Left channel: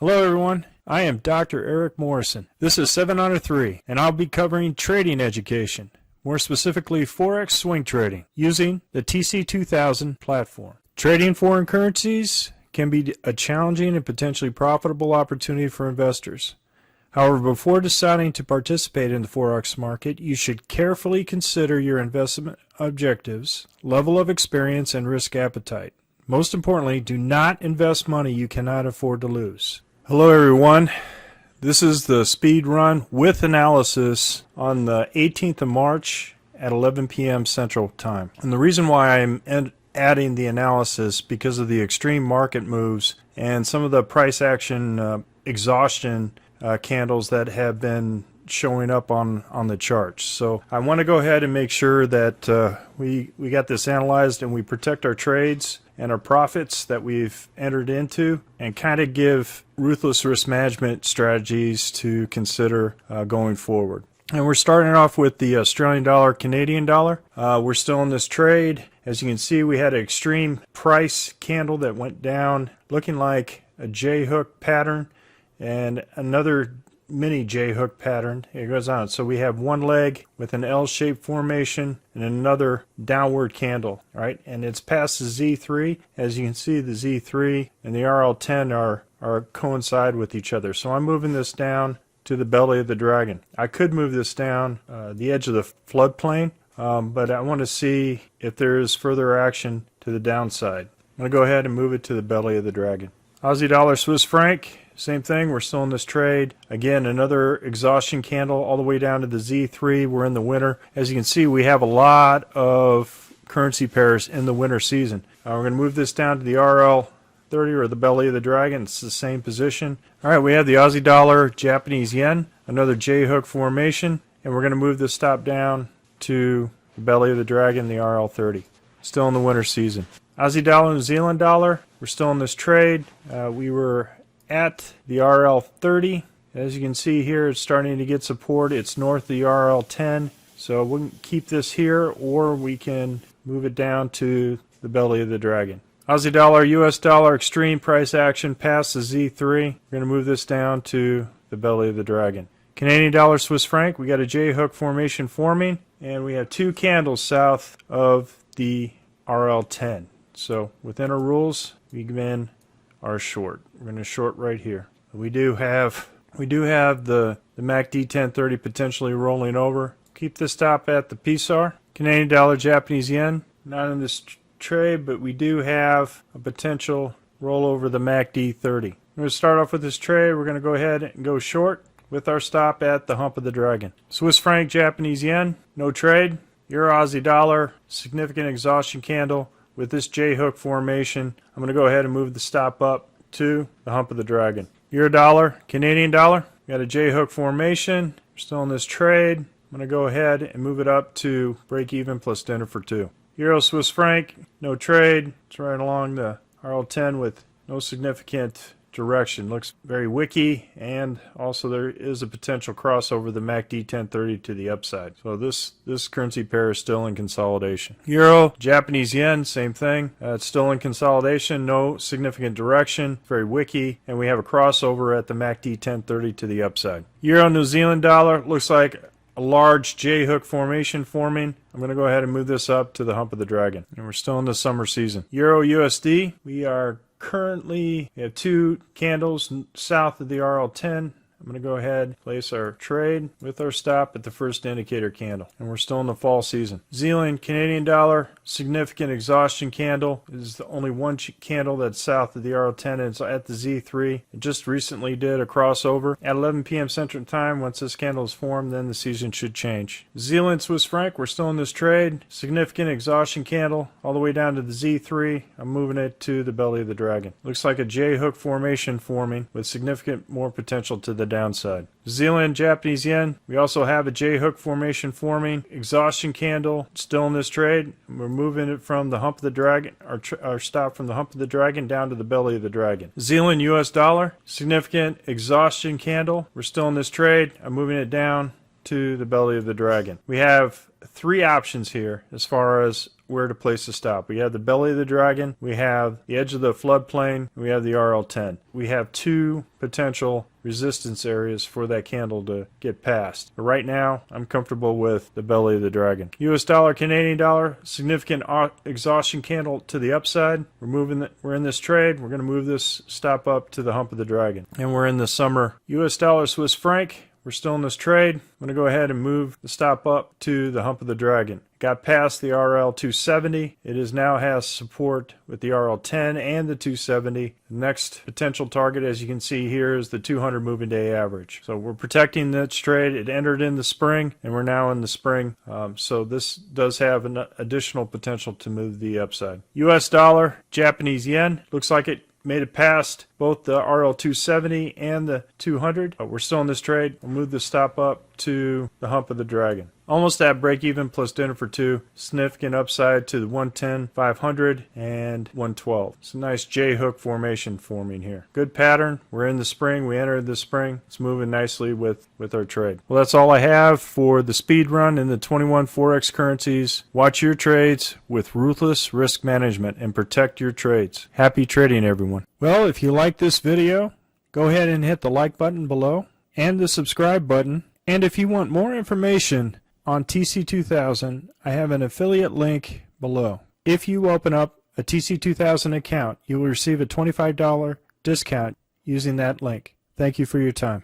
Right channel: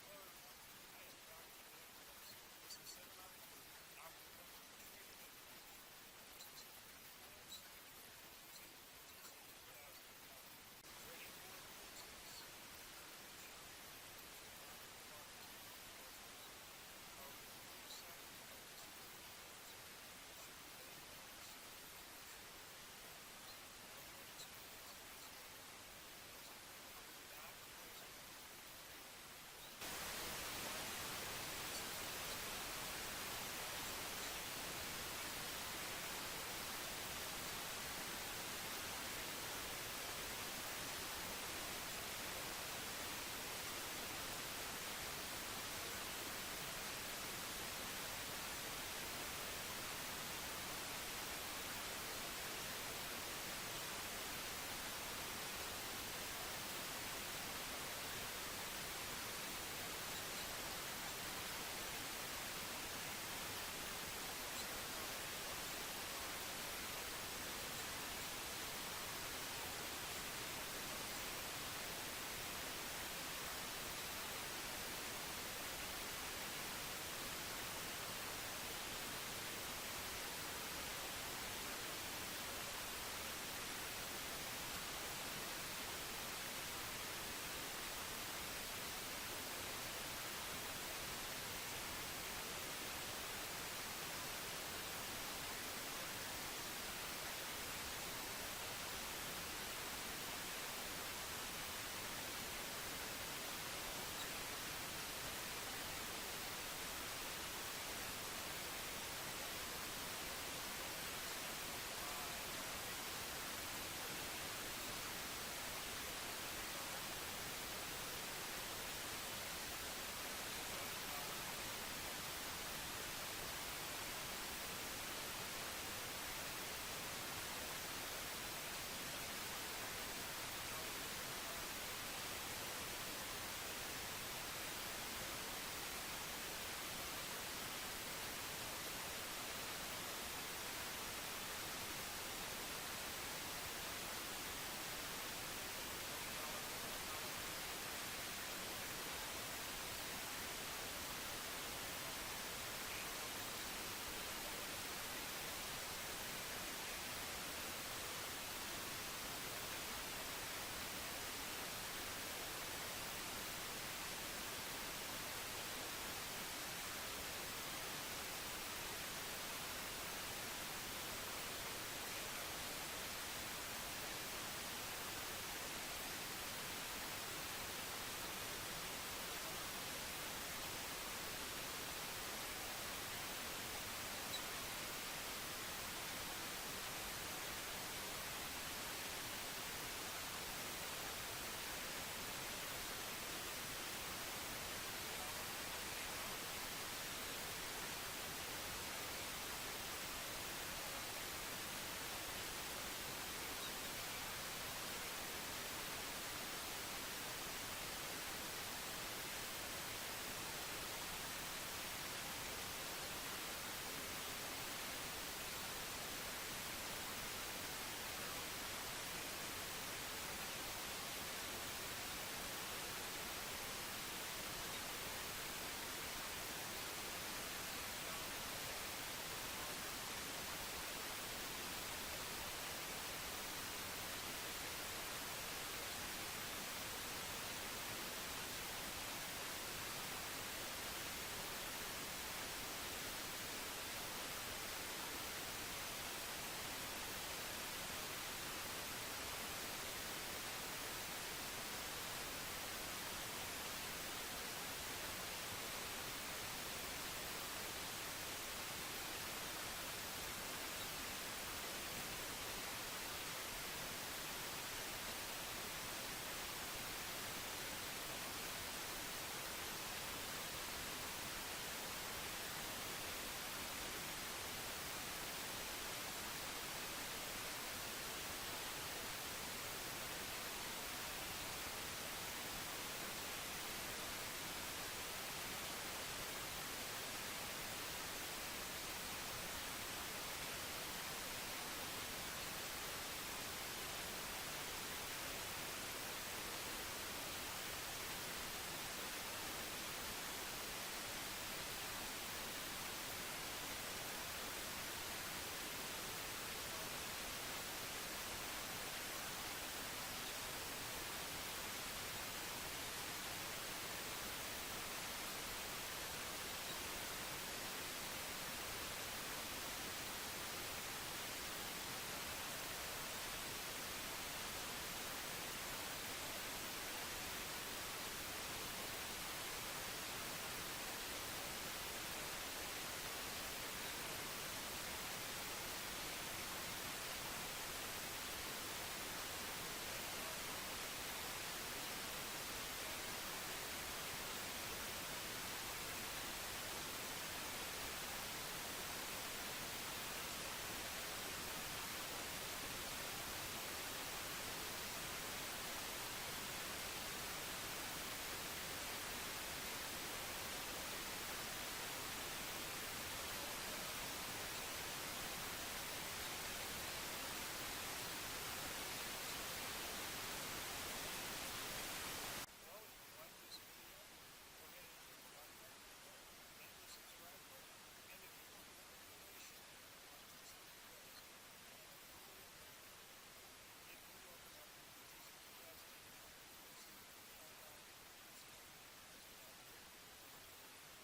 Hello everyone, I am Dr. Eric Morrison. This is 7 Under 3, and I'll be covering trading education, more specifically Forex swing trading, using the TC2000 platform. Trading foreign currencies can be a challenging and potentially profitable opportunity for investors. However, before deciding to participate in the Forex market, you should carefully consider your investment objectives, level of experience, and risk appetite. Most importantly, do not invest money you cannot afford to lose. Hello everyone, this is the speed run with analysis on the 18th of March at 11 p.m. Central Time. And the reason why I'm adding the analysis because of the extreme market moves and some of the price action exhaustion candles that have been showing up on the charts. So I want to go ahead and make sure that we got this analyzed and we protect our trades and our profits that we've entered into, and kind of give ruthless risk management strategies to consider going forward. And we're starting off with the Australian dollar, Canadian dollar. We're still in this trade. As you can see, we had an extreme price candle that went down looking like a J-hook pattern and another mini J-hook pattern. It goes on. So we have one leg with an L-shaped formation and another downward candle, right? And it's past the Z3. As you can see, the Z3 and the RL10 are coincide with each other. So I'm moving this down to the belly of the dragon. I could move this down the edge of the floodplain, but I want to see if there is further action to the downside. I'm going to go ahead and move it to the belly of the dragon. Aussie dollar, Swiss franc. Same thing, we're still in this trade. Again, another exhaustion candle all the way down to the Z3. We're in the winter. As you can see, we have a lot of currency pairs in the winter season. We're going to move this down to the RL30 or the belly of the dragon. It's the same position. All right, we have the Aussie dollar, Japanese yen, another J-hook formation, and we're going to move this stop down to the belly of the dragon, the RL30. Still in the winter season. Aussie dollar, New Zealand dollar, we're still in this trade. We were at the RL30. As you can see here, it's starting to get support. It's north of the RL10. So we can keep this here, or we can move it down to the belly of the dragon. Aussie dollar, US dollar, extreme price action past the Z3. We're going to move this down to the belly of the dragon. Canadian dollar, Swiss franc, we got a J-hook formation forming, and we have two candles south of the RL10. So within our rules, we then are short. We're going to short right here. We do have the MACD 1030 potentially rolling over. Keep the stop at the PSAR. Canadian dollar, Japanese yen, not in this trade, but we do have a potential roll over the MACD 30. We're going to start off with this trade. We're going to go ahead and go short with our stop at the hump of the dragon. Swiss franc, Japanese yen, no trade. Euro, Aussie dollar, significant exhaustion candle with this J-hook formation. I'm going to go ahead and move the stop up to the hump of the dragon. Euro dollar, Canadian dollar, got a J-hook formation. We're still in this trade. I'm going to go ahead and move it up to break even plus dinner for two. Euro, Swiss franc, no trade. It's right along the RL10 with no significant direction. Looks very wicky, and also there is a potential crossover the MACD 1030 to the upside. So this currency pair is still in consolidation. Euro, Japanese yen, same thing. It's still in consolidation, no significant direction, very wicky, and we have a crossover at the MACD 1030 to the upside. Euro, New Zealand dollar, looks like a large J-hook formation forming. I'm going to go ahead and move this up to the hump of the dragon. And we're still in the summer season. Euro, USD, we have two candles south of the RL10. I'm going to go ahead and place our trade with our stop at the first indicator candle. And we're still in the fall season. Zealand, Canadian dollar, significant exhaustion candle. This is the only one candle that's south of the RL10, and it's at the Z3. It just recently did a crossover. At 11 p.m. Central Time, once this candle is formed, then the season should change. Zealand, Swiss franc, we're still in this trade. Significant exhaustion candle all the way down to the Z3. I'm moving it to the belly of the dragon. Looks like a J-hook formation forming with significant more potential to the downside. Zealand, Japanese yen, we also have a J-hook formation forming. Exhaustion candle still in this trade. We're moving it from the hump of the dragon, our stop from the hump of the dragon down to the belly of the dragon. Zealand, US dollar, significant exhaustion candle. We're still in this trade. I'm moving it down to the belly of the dragon. We have three options here as far as where to place the stop. We have the belly of the dragon, we have the edge of the floodplain, we have the RL10. We have two potential resistance areas for that candle to get past. But right now, I'm comfortable with the belly of the dragon. US dollar, Canadian dollar, significant exhaustion candle to the upside. We're in this trade. We're going to move this stop up to the hump of the dragon. And we're in the summer US dollar, Swiss franc. We're still in this trade. I'm going to go ahead and move the stop up to the hump of the dragon. Got past the RL 270. It now has support with the RL 10 and the 270. Next potential target, as you can see here, is the 200 moving day average. So we're protecting this trade. It entered in the spring, and we're now in the spring. So this does have an additional potential to move the upside. US dollar, Japanese yen. Looks like it made it past both the RL 270 and the 200. But we're still in this trade. We'll move the stop up to the hump of the dragon. Almost at break even plus dinner for two. Significant upside to the 110, 500, and 112. It's a nice J hook formation forming here. Good pattern. We're in the spring. We entered the spring. It's moving nicely with our trade. Well, that's all I have for the speed run in the 21 Forex currencies. Watch your trades with ruthless risk management and protect your trades. Happy trading, everyone. Well, if you like this video, go ahead and hit the like button below and the subscribe button. And if you want more information on TC2000, I have an affiliate link below. If you open up a TC2000 account, you will receive a $25 discount using that link. Thank you for your time.